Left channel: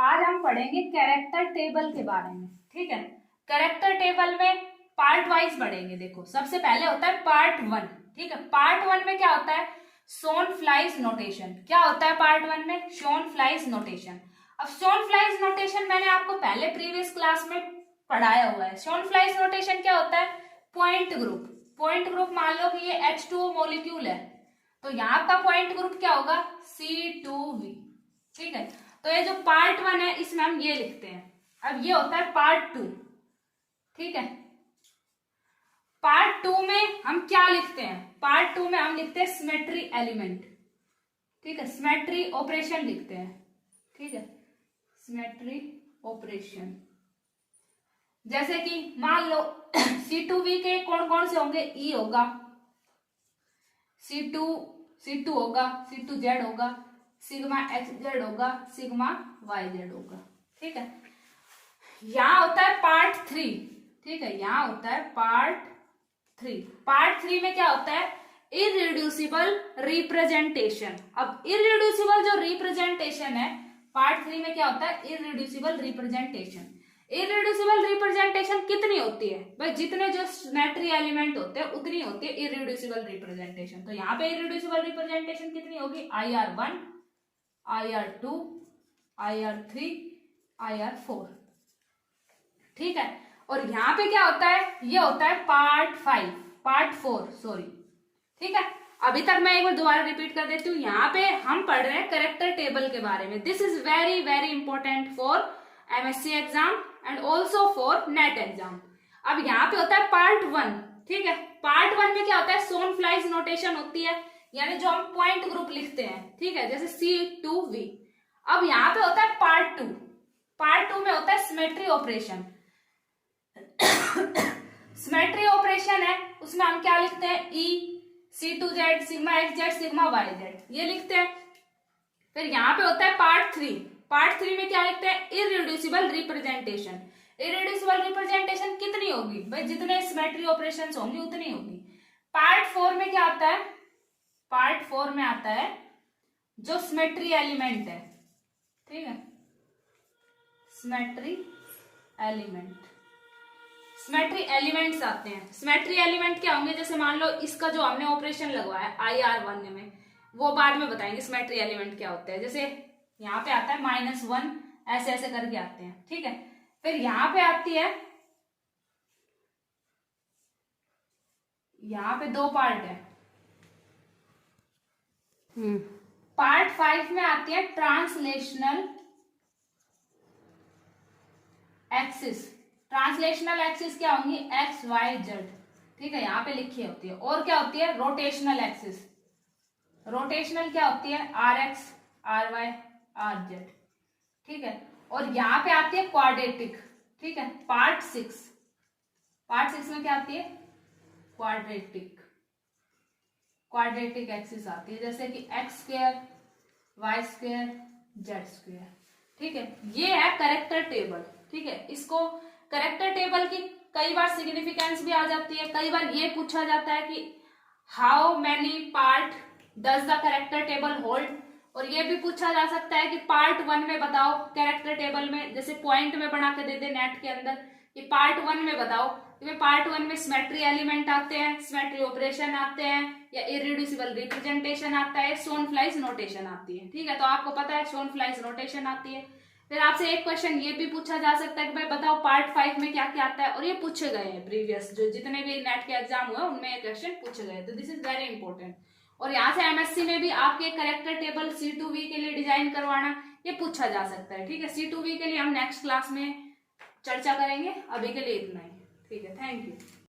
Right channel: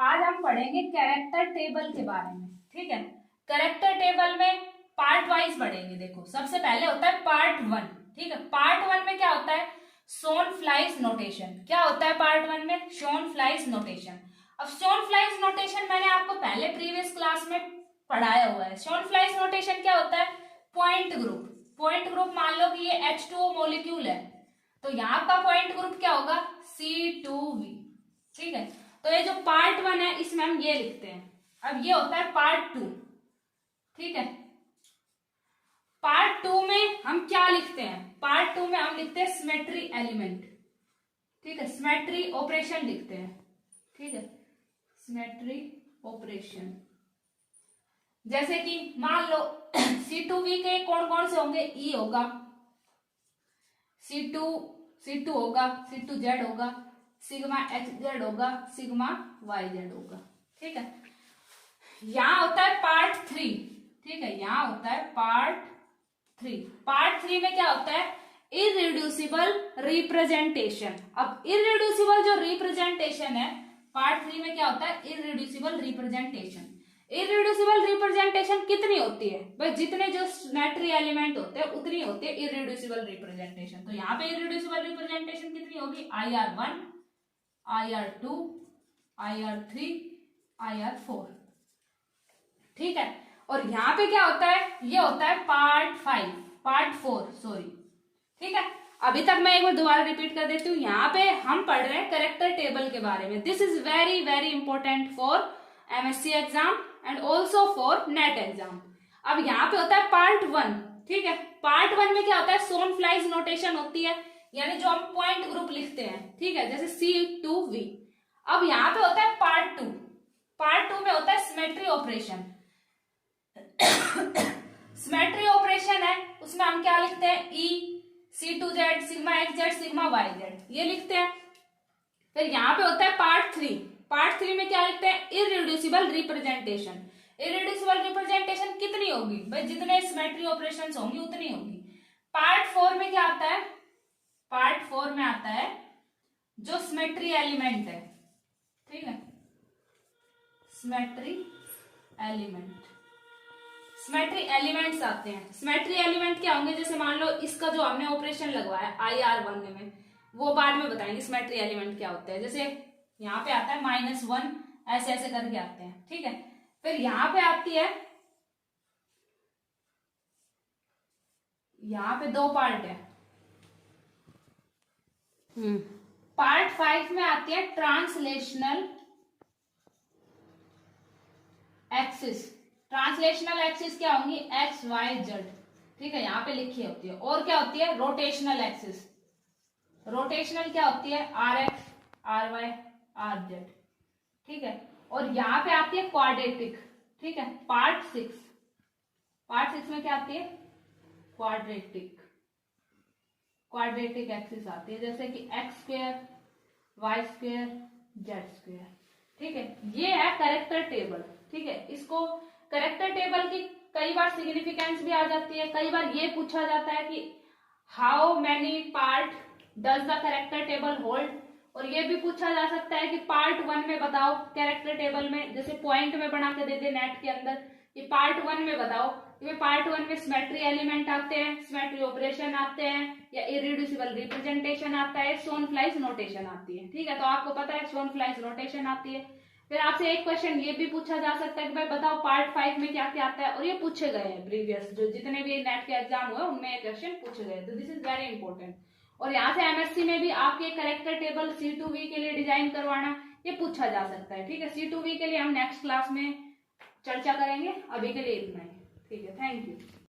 आज हम पढ़ेंगे कैरेक्टर टेबल के बारे में। ठीक है, कैरेक्टर टेबल में पार्ट वाइज पढ़ेंगे। देखो, सबसे पहले होता है पार्ट 1। ठीक है, पार्ट 1 में क्या होता है? Schoenflies notation. क्या होता है पार्ट 1 में? Schoenflies notation. अब शॉन फ्लाइज नोटेशन मैंने आपको पहले प्रीवियस क्लास में पढ़ाया हुआ है। शॉन फ्लाइज नोटेशन क्या होता है? Point group. पॉइंट ग्रुप मान लो कि ये H2O मॉलिक्यूल है, तो यहाँ का पॉइंट ग्रुप क्या होगा? C2V। ठीक है, तो ये जो पार्ट 1 है इसमें हम ये लिखते हैं। अब ये होता है पार्ट 2। ठीक है, पार्ट 2 में हम क्या लिखते हैं? पार्ट 2 में हम लिखते हैं सिमेट्री एलिमेंट। ठीक है, सिमेट्री ऑपरेशन लिखते हैं। ठीक है, सिमेट्री ऑपरेशन। जैसे कि मान लो C2V के कौन कौन से होंगे? E होगा, C2 होगा, C2Z होगा, सिग्मा XZ होगा, सिग्मा YZ होगा। ठीक है, यहां होता है पार्ट 3। ठीक है, यहां होता है पार्ट 3। पार्ट 3 में क्या होता है? Irreducible representation. अब इररिड्यूसिबल जो रिप्रेजेंटेशन है पार्ट 3 में क्या होता है? Irreducible representation. इररिड्यूसिबल रिप्रेजेंटेशन कितनी होती है भाई? जितने जो सिमेट्री एलिमेंट होते हैं उतनी होती है इररिड्यूसिबल रिप्रेजेंटेशन। तो यहाँ पे इररिड्यूसिबल रिप्रेजेंटेशन कितनी होगी? IR1, IR2, IR3, IR4। ठीक है, और यहाँ पे क्या होता है? ये होता है पार्ट 4 सॉरी। ठीक है, अभी तक मैं एक बार दोबारा रिपीट कर देती हूँ। यहाँ पे हम पढ़ रहे हैं कैरेक्टर टेबल के बारे में। This is very very important for MSc exam and also for net exam. अब यहाँ पे होता है पार्ट 1। ठीक है, पार्ट 1 में क्या होता है? शॉन फ्लाइज नोटेशन होती है, यानी जो हम पॉइंट ग्रुप लिखते हैं। ठीक है, जैसे C2V। अब यहाँ पे होता है पार्ट 2। पार्ट 2 में होता है सिमेट्री ऑपरेशन। सिमेट्री ऑपरेशन है, उसमें हम क्या लिखते हैं? E, C2Z, sigma XZ, sigma YZ, ये लिखते हैं। फिर यहाँ पे होता है पार्ट 3। पार्ट 3 में क्या लिखते हैं? Irreducible representation. इररिड्यूसिबल रिप्रेजेंटेशन कितनी होगी भाई? जितने सिमेट्री ऑपरेशंस होंगी उतनी होगी। पार्ट 4 में क्या आता है? पार्ट 4 में आता है जो सिमेट्री एलिमेंट है। ठीक है, सिमेट्री एलिमेंट। सिमेट्री एलिमेंट्स आते हैं। सिमेट्री एलिमेंट क्या होंगे? जैसे मान लो इसका जो हमने ऑपरेशन लगवाया IR1 में, वो बाद में बताएंगे सिमेट्री एलिमेंट क्या होते हैं। जैसे यहाँ पे आता है -1, ऐसे ऐसे करके आते हैं। ठीक है, फिर यहाँ पे आती है, यहाँ पे 2 पार्ट है। पार्ट 5 में आती है ट्रांसलेशनल एक्सिस। ट्रांसलेशनल एक्सिस क्या होंगी? X, Y, Z। ठीक है, यहाँ पे लिखी होती है। और क्या होती है? Rotational axis. रोटेशनल क्या होती है? RX, RY, RZ। ठीक है, और यहाँ पे आती है क्वाड्रेटिक। ठीक है, पार्ट 6। पार्ट 6 में क्या आती है? क्वाड्रेटिक। क्वाड्रेटिक एक्सिस आती है, जैसे कि X2, Y2, Z2। ठीक है, ये है कैरेक्टर टेबल। ठीक है, इसको कैरेक्टर टेबल की कई बार सिग्निफिकेंस भी आ जाती है। कई बार ये पूछा जाता है कि how many part does the character table hold, और ये भी पूछा जा सकता है कि पार्ट 1 में बताओ कैरेक्टर टेबल में, जैसे पॉइंट में बना के दे दे नेट के अंदर कि पार्ट 1 में बताओ। तो पार्ट 1 में सिमेट्री एलिमेंट आते हैं, सिमेट्री ऑपरेशन आते हैं, या इररिड्यूसिबल रिप्रेजेंटेशन आता है, शॉन फ्लाइज नोटेशन आती है। ठीक है, तो आपको पता है शॉन फ्लाइज नोटेशन आती है। फिर आपसे एक क्वेश्चन ये भी पूछा जा सकता है कि भाई बताओ पार्ट 5 में क्या क्या आता है, और ये पूछे गए हैं प्रीवियस जो जितने भी नेट के एग्जाम हुए उनमें ये क्वेश्चन पूछे गए। तो दिस इज वेरी इंपॉर्टेंट। और यहाँ से MSc में भी आपके कैरेक्टर टेबल C2V के लिए डिजाइन करवाना ये पूछा जा सकता है। ठीक है, C2V के लिए हम नेक्स्ट क्लास में चर्चा करेंगे। अभी के लिए इतना ही। ठीक है, थैंक यू।